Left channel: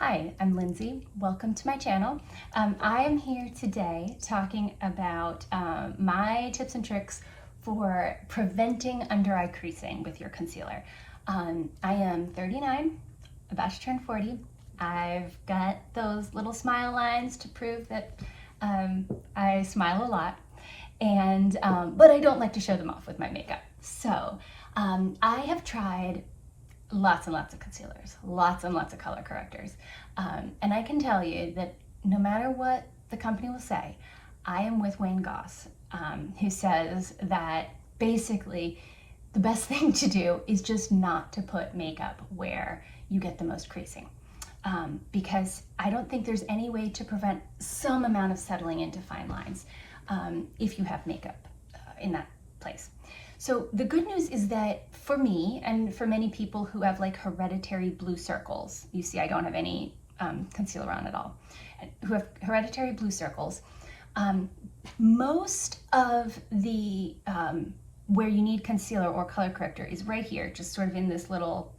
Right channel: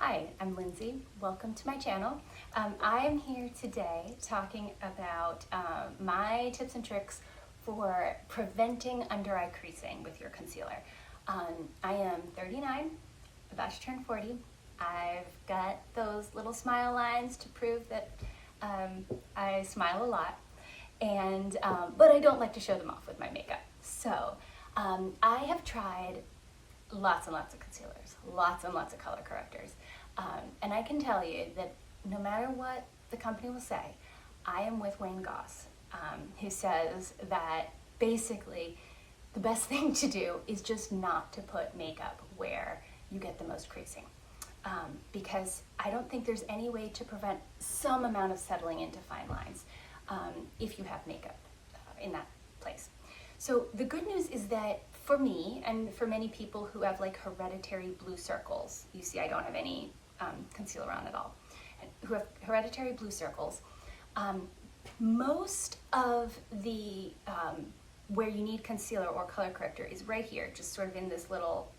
Hi, I'm Lindsay. Welcome to my channel. I am here today talking about my tips and tricks for preventing under-eye creasing with your concealer. I am 39, about to turn 40. I've got those little smile lines to prove that I smile a lot, but I don't like to show them off with my makeup. So I have tried lots and lots of concealers, lots and lots of color correctors. And I can tell you that no matter what the company will say, I am with Wayne Goss, who says that basically the best thing to do is just not to put makeup where you get the most creasing. Because I don't think there's any way to prevent some amount of settling into fine lines if you have makeup in that place. So the good news is that for me and for many people who have like hereditary blue circles, you see I don't have any concealer on at all, who have hereditary blue circles, most of the where you need concealer or color corrector is right here, just sort of in this little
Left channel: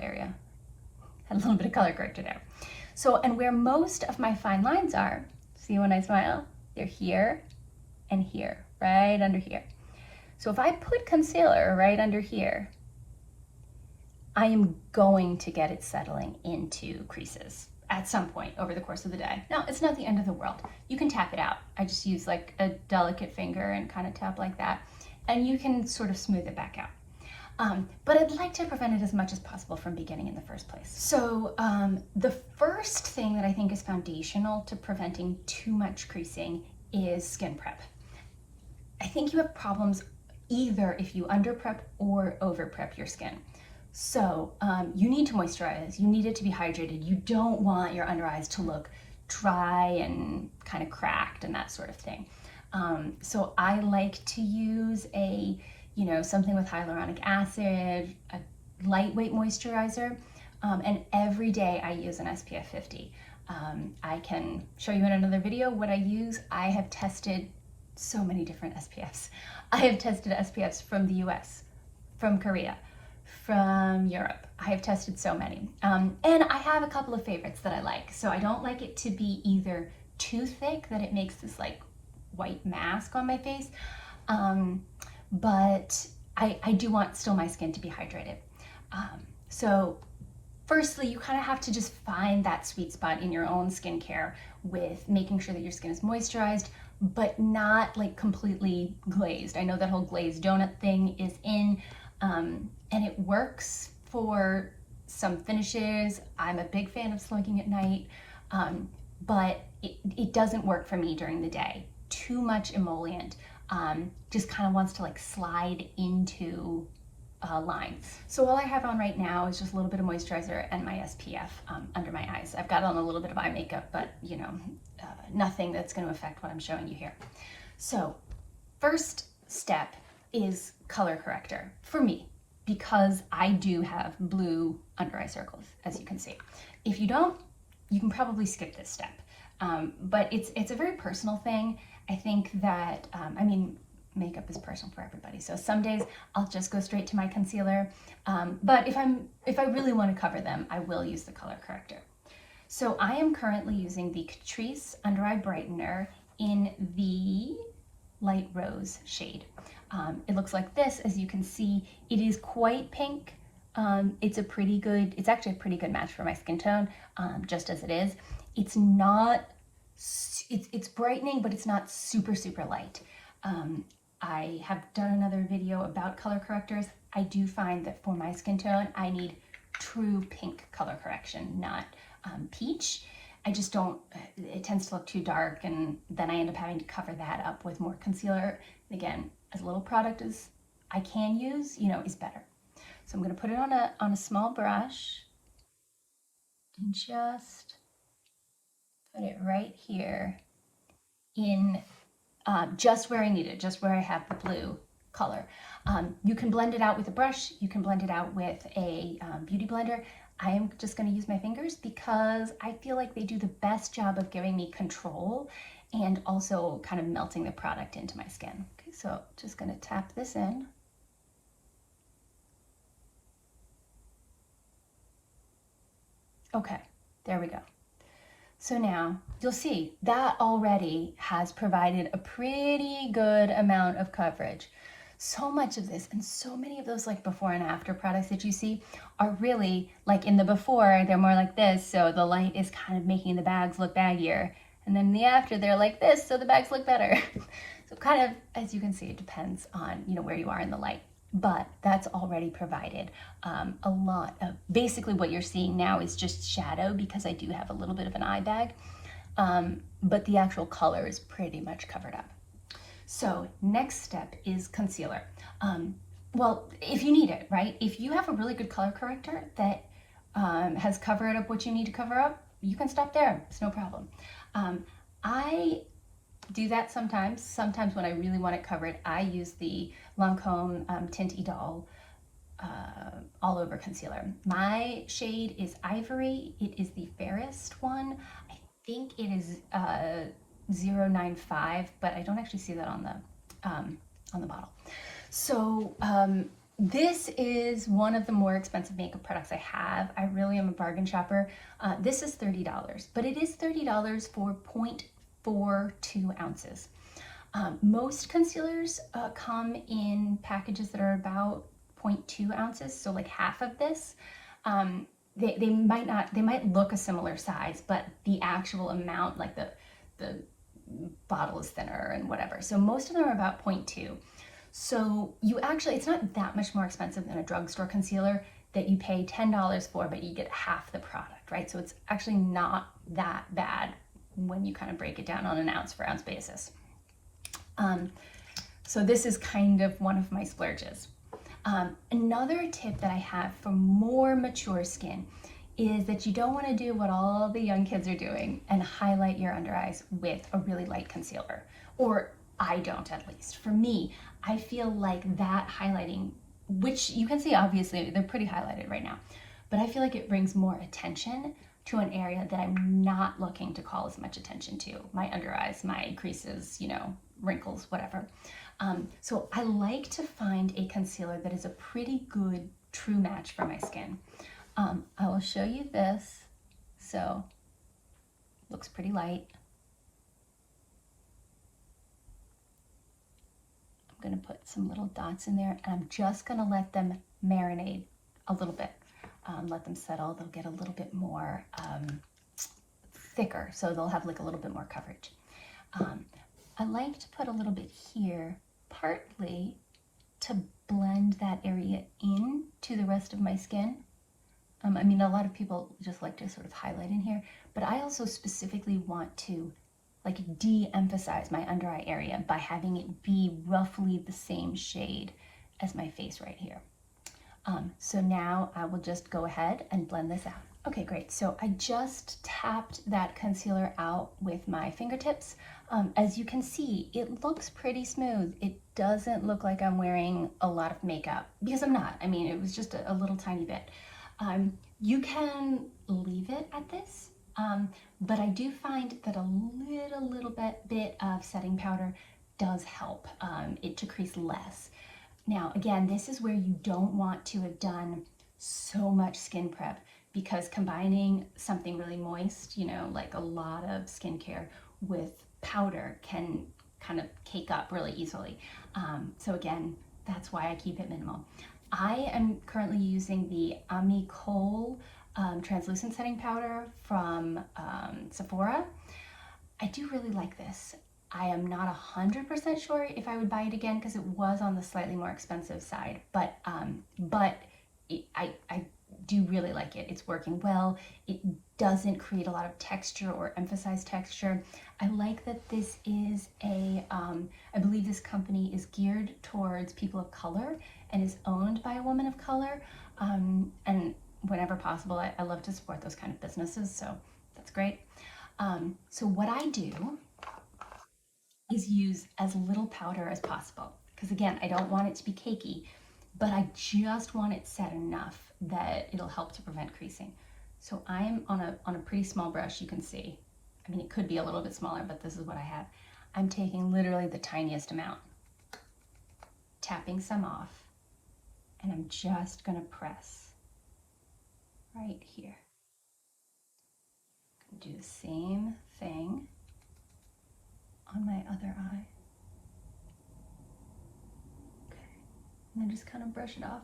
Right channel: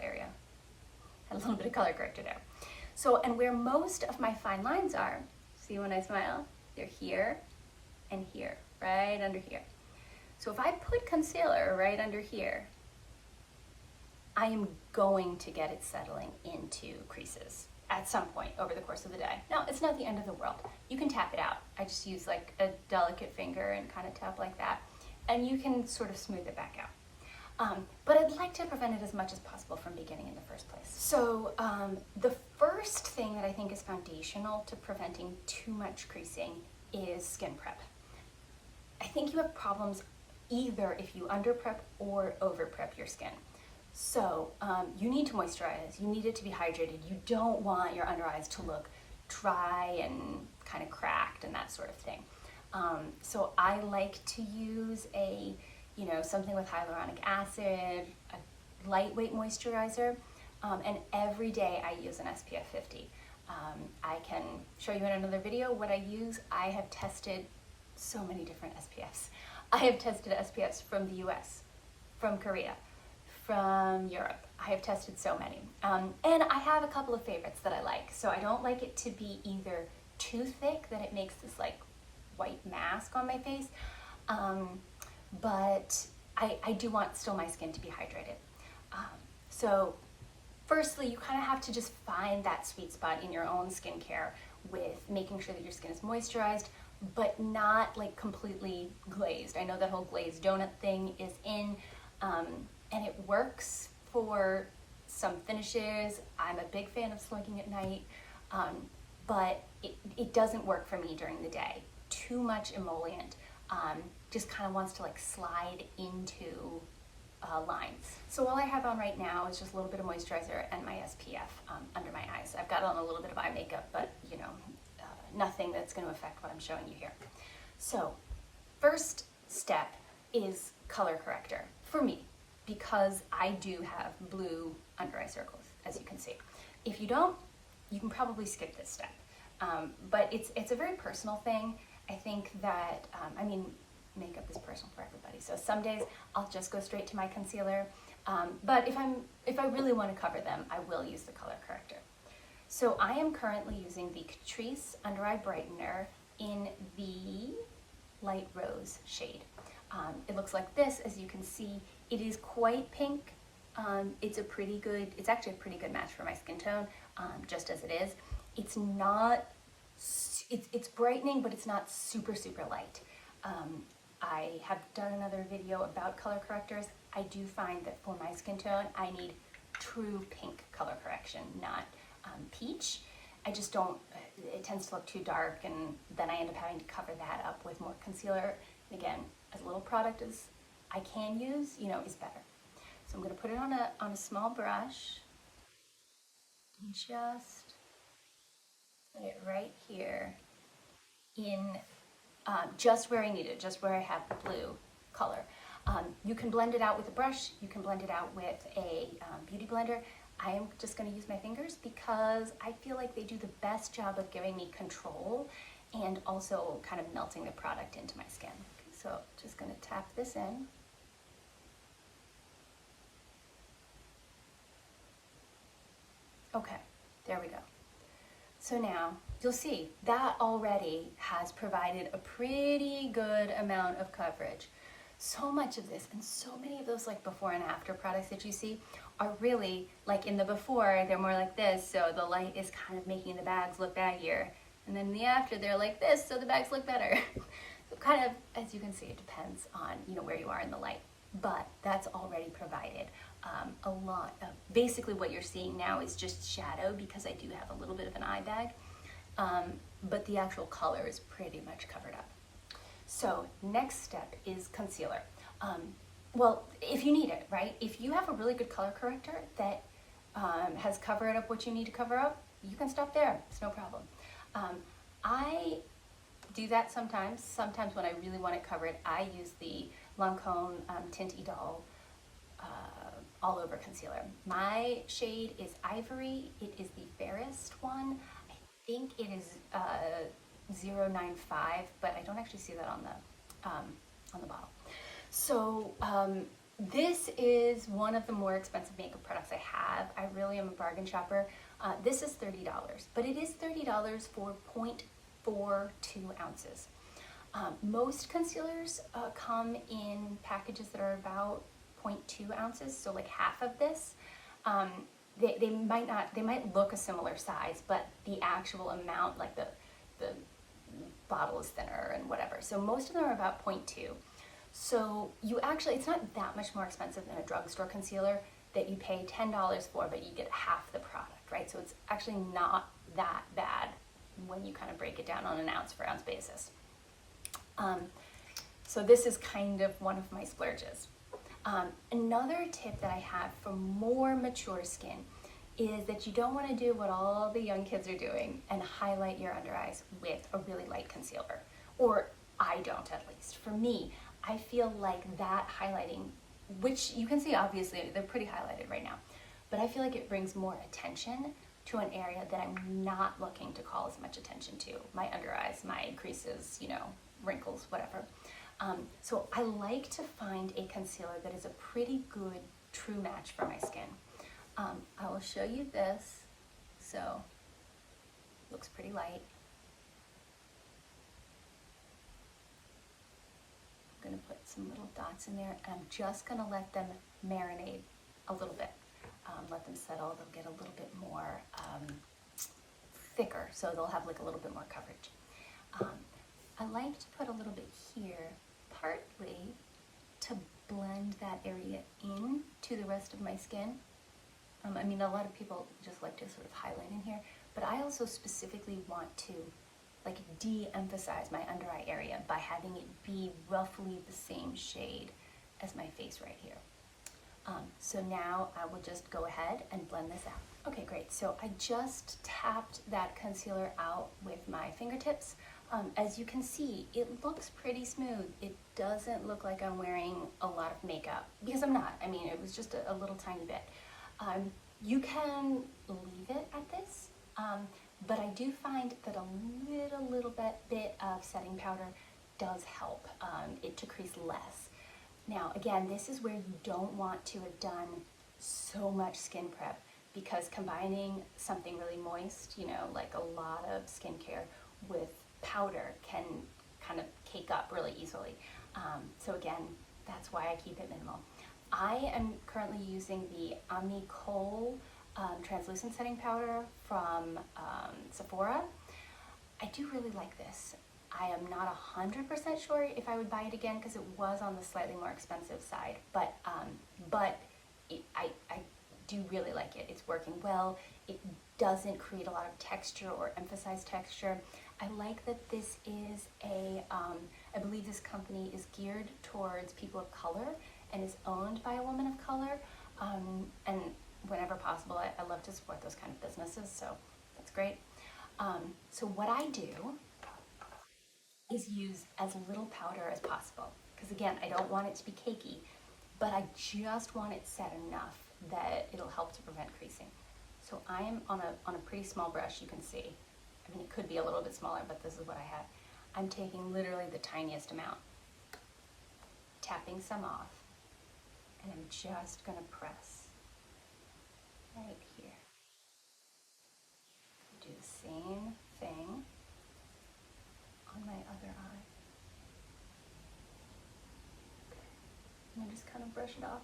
area. Had a little bit of color corrector there. So, and where most of my fine lines are, see when I smile, they're here and here, right under here. So if I put concealer right under here, I am going to get it settling into creases at some point over the course of the day. Now, it's not the end of the world. You can tap it out. I just use like a delicate finger and kind of tap like that, and you can sort of smooth it back out. But I'd like to prevent it as much as possible from beginning in the first place. So the first thing that I think is foundational to preventing too much creasing is skin prep. I think you have problems either if you under prep or over prep your skin. So you need to moisturize, you need it to be hydrated. You don't want your under eyes to look dry and kind of cracked and that sort of thing. So I like to use something with hyaluronic acid, a lightweight moisturizer, and every day I use an SPF 50. I can show you in another video what I use. I have tested so many different SPFs. I have tested SPFs from the US, from Korea, from Europe. I have tested so many. And I have a couple of favorites that I like. So I don't like it to be either too thick that it makes this like white mask on my face, but I do want still my skin to be hydrated. So firstly, you kind of have to just find that sweet spot in your own skincare with making sure that your skin is moisturized, but not like completely glazed. I know that whole glazed donut thing is in, and it works for some finishes. I'm a big fan of slugging at night, but it doesn't work for me during the day. Too much emollient just kind of wants to like slide into lines. So all I have on right now is just a little bit of moisturizer and my SPF under my eyes. I've got on a little bit of eye makeup, but nothing that's going to affect what I'm showing you here. So first step is color corrector for me, because I do have blue under eye circles, as you can see. If you don't, you can probably skip this step. But it's a very personal thing. I think that, makeup is personal for everybody. So some days I'll just go straight to my concealer. But if I really want to cover them, I will use the color corrector. So I am currently using the Catrice Under Eye Brightener in the light rose shade. It looks like this. As you can see, it is quite pink. It's actually a pretty good match for my skin tone, just as it is. It's not, it's brightening, but it's not super, super light. I have done another video about color correctors. I do find that for my skin tone, I need true pink color correction, not peach. I just don't, it tends to look too dark, and then I end up having to cover that up with more concealer. Again, as little product as I can use, is better. So I'm going to put it on a small brush and just put it right here in just where I need it, just where I have the blue color. You can blend it out with a brush, you can blend it out with a beauty blender. I am just going to use my fingers because I feel like they do the best job of giving me control and also kind of melting the product into my skin. Okay, so just going to tap this in. Okay, there we go. So now you'll see that already has provided a pretty good amount of coverage. So much of this and so many of those like before and after products that you see are really like in the before, they're more like this. So the light is kind of making the bags look baggier. And then in the after, they're like this. So the bags look better. So kind of, as you can see, it depends on, where you are in the light. But that's already provided a lot of, basically what you're seeing now is just shadow because I do have a little bit of an eye bag. But the actual color is pretty much covered up. So next step is concealer. Well, if you need it, right? If you have a really good color corrector that has covered up what you need to cover up, you can stop there. It's no problem. I do that sometimes. Sometimes when I really want it covered, I use the Lancome Tint Idole all over concealer. My shade is Ivory. It is the fairest one. I think it is 095, but I don't actually see that on the bottle. So this is one of the more expensive makeup products I have. I really am a bargain shopper. This is $30, but it is $30 for 0.42 ounces. Most concealers come in packages that are about 0.2 ounces, so like half of this. They might not, they might look a similar size, but the actual amount, like the bottle is thinner and whatever. So most of them are about 0.2. So you actually, it's not that much more expensive than a drugstore concealer that you pay $10 for, but you get half the product, right? So it's actually not that bad when you kind of break it down on an ounce for ounce basis. So this is kind of one of my splurges. Another tip that I have for more mature skin is that you don't want to do what all the young kids are doing and highlight your under eyes with a really light concealer. Or I don't, at least. For me, I feel like that highlighting, which you can see obviously they're pretty highlighted right now, but I feel like it brings more attention to an area that I'm not looking to call as much attention to. My under eyes, my creases, wrinkles, whatever. So I like to find a concealer that is a pretty good true match for my skin. I will show you this. So looks pretty light. I'm going to put some little dots in there, and I'm just going to let them marinate a little bit. Let them settle. They'll get a little bit more thicker, so they'll have like a little bit more coverage. I like to put a little bit here, partly to blend that area in to the rest of my skin. I mean, a lot of people just like to sort of highlight in here, but I also specifically want to like de-emphasize my under eye area by having it be roughly the same shade as my face right here. So now I will just go ahead and blend this out. Okay, great. So I just tapped that concealer out with my fingertips. As you can see, it looks pretty smooth. It doesn't look like I'm wearing a lot of makeup because I'm not. I mean, it was just a little tiny bit. You can leave it at this, but I do find that a little bit of setting powder does help it to crease less. Now, again, this is where you don't want to have done so much skin prep because combining something really moist, like a lot of skincare with powder can kind of cake up really easily. So again, that's why I keep it minimal. I am currently using the Ami Kohl translucent setting powder from Sephora. I do really like this. I am not 100% sure if I would buy it again because it was on the slightly more expensive side, but I do really like it. It's working well. It doesn't create a lot of texture or emphasize texture. I like that this is I believe this company is geared towards people of color and is owned by a woman of color. And whenever possible, I love to support those kind of businesses, so that's great. So what I do is use as little powder as possible. Because again, I don't want it to be cakey, but I just want it set enough that it'll help to prevent creasing. So I'm on a pretty small brush, you can see. I mean, it could be a little bit smaller, but this is what I have. I'm taking literally the tiniest amount, tapping some off, and I'm just gonna press right here. do the same thing on my other eye. Okay, and I just kind of brush it off.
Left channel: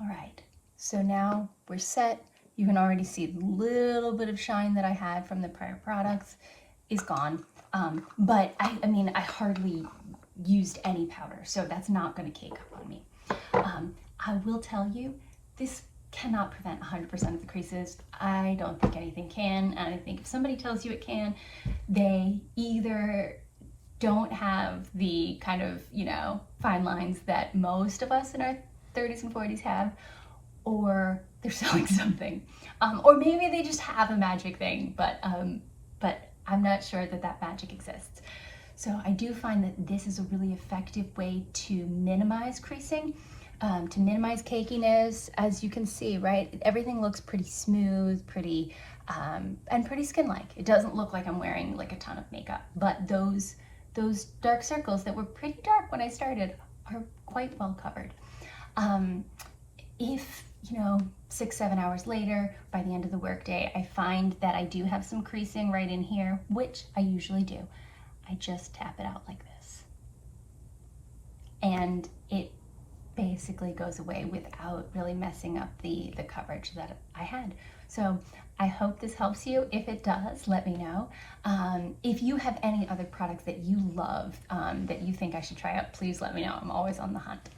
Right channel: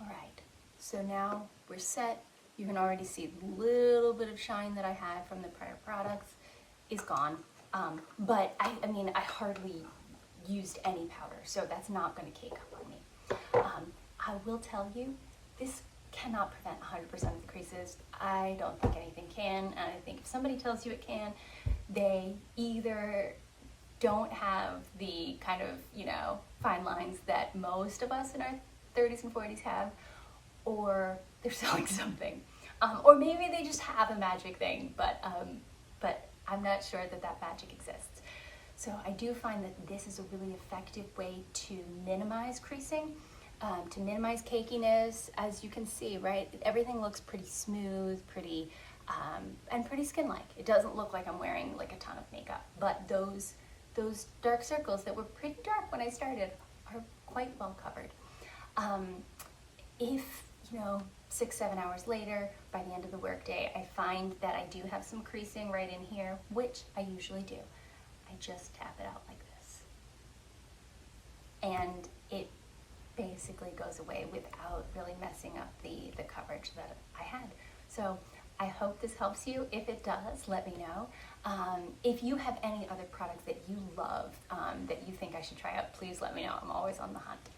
All right, so now we're set. You can already see the little bit of shine that I had from the prior products is gone. But I mean, I hardly used any powder, so that's not going to cake up on me. I will tell you, this cannot prevent 100% of the creases. I don't think anything can, and I think if somebody tells you it can, they either don't have the kind of, you know, fine lines that most of us in our 30s and 40s have, or they're selling something. Or maybe they just have a magic thing, but I'm not sure that that magic exists. So I do find that this is a really effective way to minimize creasing, to minimize cakiness. As you can see, right, everything looks pretty smooth, pretty, and pretty skin-like. It doesn't look like I'm wearing like a ton of makeup, but those dark circles that were pretty dark when I started are quite well covered. If, you know, 6-7 hours later, by the end of the workday, I find that I do have some creasing right in here, which I usually do, I just tap it out like this. And it basically goes away without really messing up the coverage that I had. So I hope this helps you. If it does, let me know. If you have any other products that you love that you think I should try out, please let me know. I'm always on the hunt.